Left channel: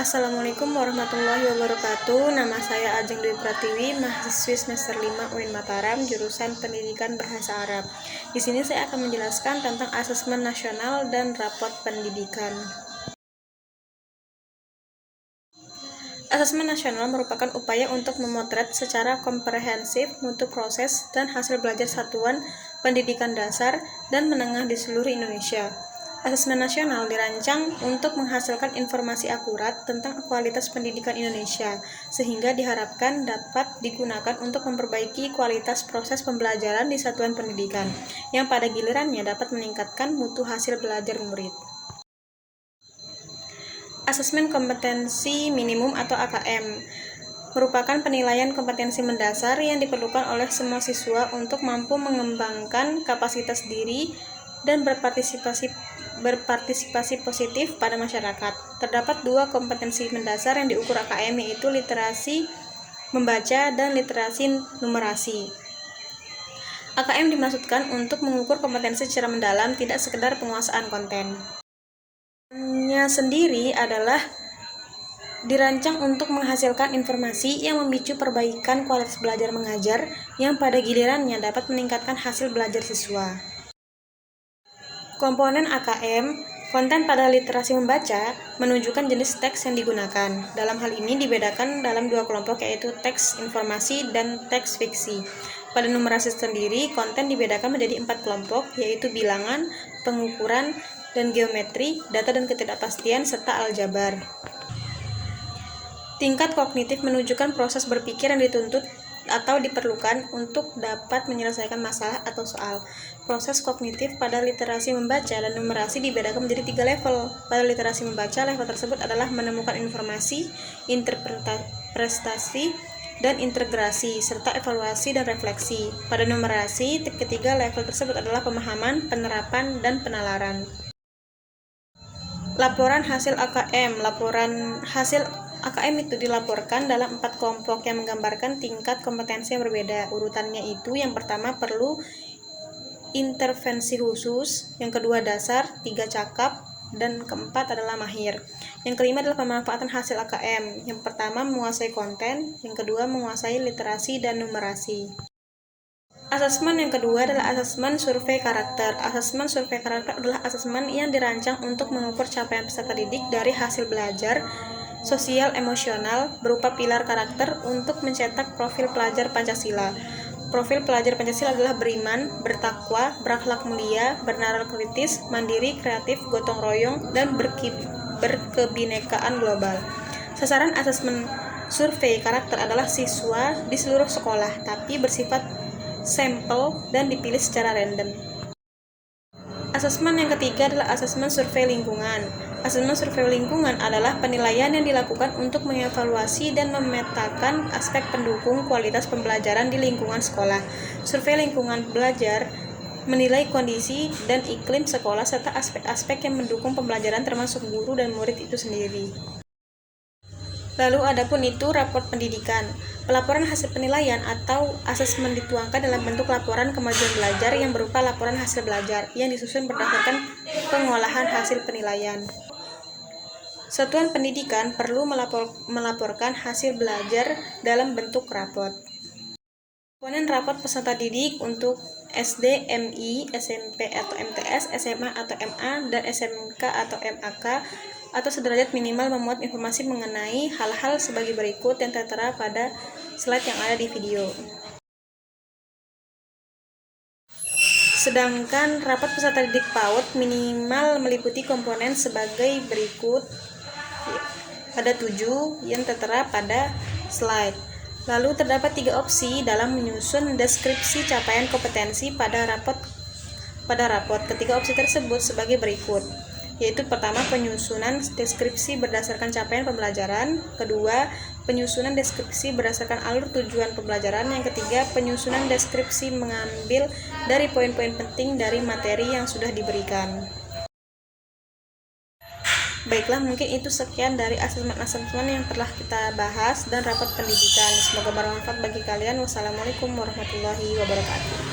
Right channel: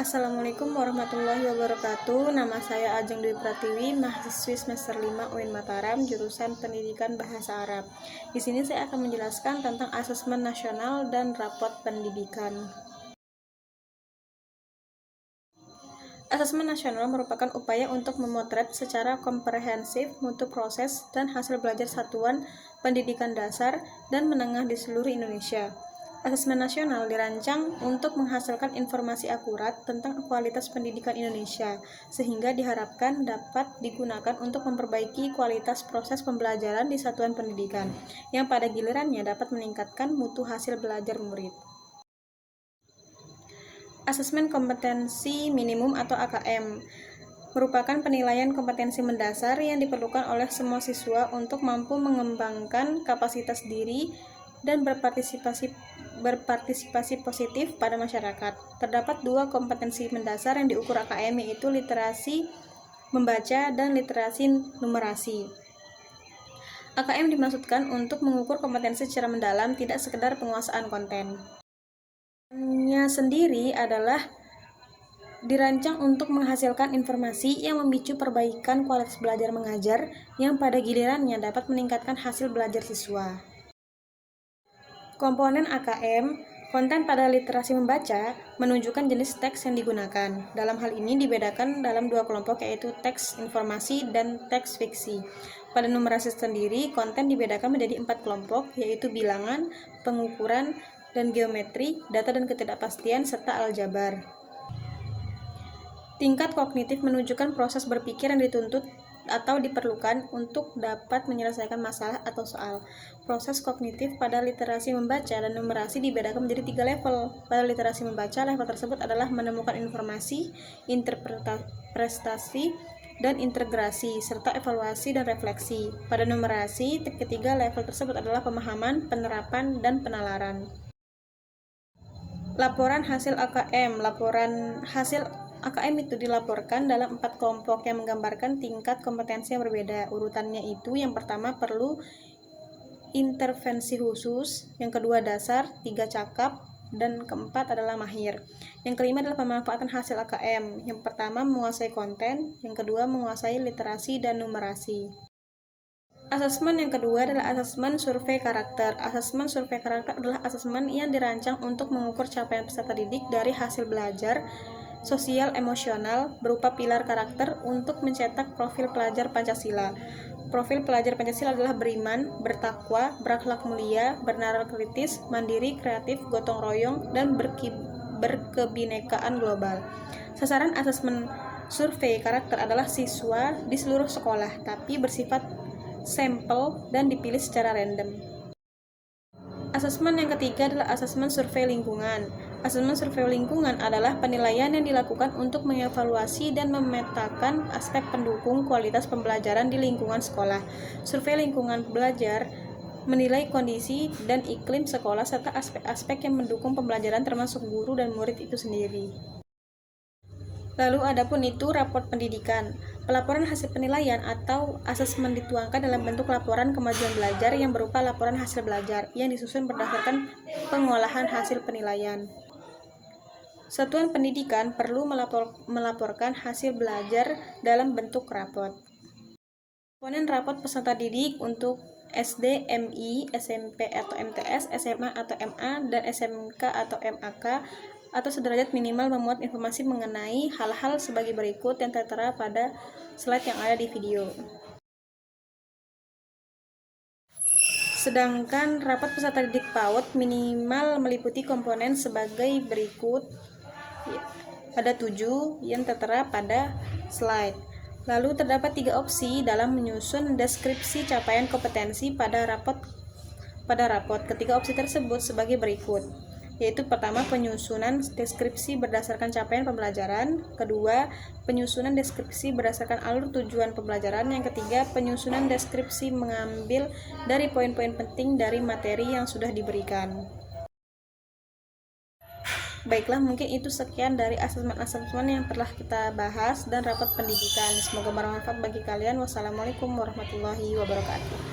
Assalamualaikum warahmatullahi wabarakatuh. Nama saya Ajeng Dwi Pratiwi, mahasiswi semester 5 UIN Mataram, jurusan Pendidikan Bahasa Arab. Di sini saya akan menjelaskan tentang asesmen nasional dan rapot pendidikan. Asesmen nasional merupakan upaya untuk memotret secara komprehensif mutu proses dan hasil belajar satuan pendidikan dasar dan menengah di seluruh Indonesia. Asesmen nasional dirancang untuk menghasilkan informasi akurat tentang kualitas pendidikan Indonesia, sehingga diharapkan dapat digunakan untuk memperbaiki kualitas proses pembelajaran di satuan pendidikan, yang pada gilirannya dapat meningkatkan mutu hasil belajar murid. Asesmen kompetensi minimum atau AKM merupakan penilaian kompetensi mendasar yang diperlukan oleh semua siswa untuk mampu mengembangkan kapasitas diri dan berpartisipasi positif pada masyarakat. Terdapat dua kompetensi mendasar yang diukur AKM, yaitu literasi membaca dan literasi numerasi. AKM dimaksudkan untuk mengukur kompetensi secara mendalam, tidak sekedar penguasaan konten. Nya sendiri adalah dirancang untuk menghasilkan informasi yang memicu perbaikan kualitas belajar mengajar yang pada gilirannya dapat meningkatkan hasil belajar siswa. Komponen AKM, konten pada literasi membaca, menunjukkan jenis teks yang digunakan. Dalam hal ini dibedakan dalam dua kelompok, yaitu teks informasi dan teks fiksi. Pada numerasi sendiri, konten dibedakan menjadi 4 kelompok, yaitu bilangan, pengukuran, dan geometri, data dan ketidakpastian, serta aljabar. Tingkat kognitif menunjukkan proses berpikir yang dituntut atau diperlukan untuk dapat menyelesaikan masalah atau soal. Proses kognitif pada literasi membaca dan numerasi dibedakan menjadi 3 level. Pada literasi membaca, level tersebut adalah menemukan informasi, interpretasi, dan integrasi, serta evaluasi dan refleksi. Pada numerasi, ketiga level tersebut adalah pemahaman, penerapan, dan penalaran. Laporan hasil AKM. Laporan hasil AKM itu dilaporkan dalam 4 kelompok yang menggambarkan tingkat kompetensi yang berbeda. Urutannya itu, yang pertama perlu intervensi khusus, yang kedua dasar, 3 cakap, dan keempat adalah mahir. Yang kelima adalah pemanfaatan hasil AKM. Yang pertama menguasai konten, yang kedua menguasai literasi dan numerasi. Asesmen yang kedua adalah asesmen survei karakter. Asesmen survei karakter adalah asesmen yang dirancang untuk mengukur capaian peserta didik dari hasil belajar sosial emosional berupa pilar karakter untuk mencetak profil pelajar Pancasila. Profil pelajar Pancasila adalah beriman, bertakwa, berakhlak mulia, bernalar kritis, mandiri, kreatif, gotong royong, dan berkebinekaan global. Sasaran asesmen survei karakter adalah siswa di seluruh sekolah, tapi bersifat sampel dan dipilih secara random. Asesmen yang ketiga adalah asesmen survei lingkungan. Asesmen survei lingkungan adalah penilaian yang dilakukan untuk mengevaluasi dan memetakan aspek pendukung kualitas pembelajaran di lingkungan sekolah. Survei lingkungan belajar menilai kondisi dan iklim sekolah serta aspek-aspek yang mendukung pembelajaran termasuk guru dan murid itu sendiri. Lalu adapun itu raport pendidikan. Pelaporan hasil penilaian atau asesmen dituangkan dalam bentuk laporan kemajuan belajar yang berupa laporan hasil belajar yang disusun berdasarkan pengolahan hasil penilaian. Satuan pendidikan perlu melaporkan hasil belajar dalam bentuk rapot. Komponen rapot peserta didik untuk SD, MI, SMP atau MTS, SMA atau MA, dan SMK atau MAK atau sederajat minimal memuat informasi mengenai hal-hal sebagai berikut yang tertera pada slide yang ada di video. Sedangkan rapot peserta didik PAUD minimal meliputi komponen sebagai berikut. Ada 7 yang tertera pada slide. Lalu terdapat 3 opsi dalam menyusun deskripsi capaian kompetensi pada rapot. Ketiga opsi tersebut sebagai berikut, yaitu pertama penyusunan deskripsi berdasarkan capaian pembelajaran, kedua penyusunan deskripsi berdasarkan alur tujuan pembelajaran, yang ketiga penyusunan deskripsi mengambil dari poin-poin penting dari materi yang sudah diberikan. Baiklah, mungkin itu sekian dari asesmen-asesmen yang telah kita bahas dan rapot pendidikan. Semoga bermanfaat bagi kalian. Wassalamualaikum warahmatullahi wabarakatuh.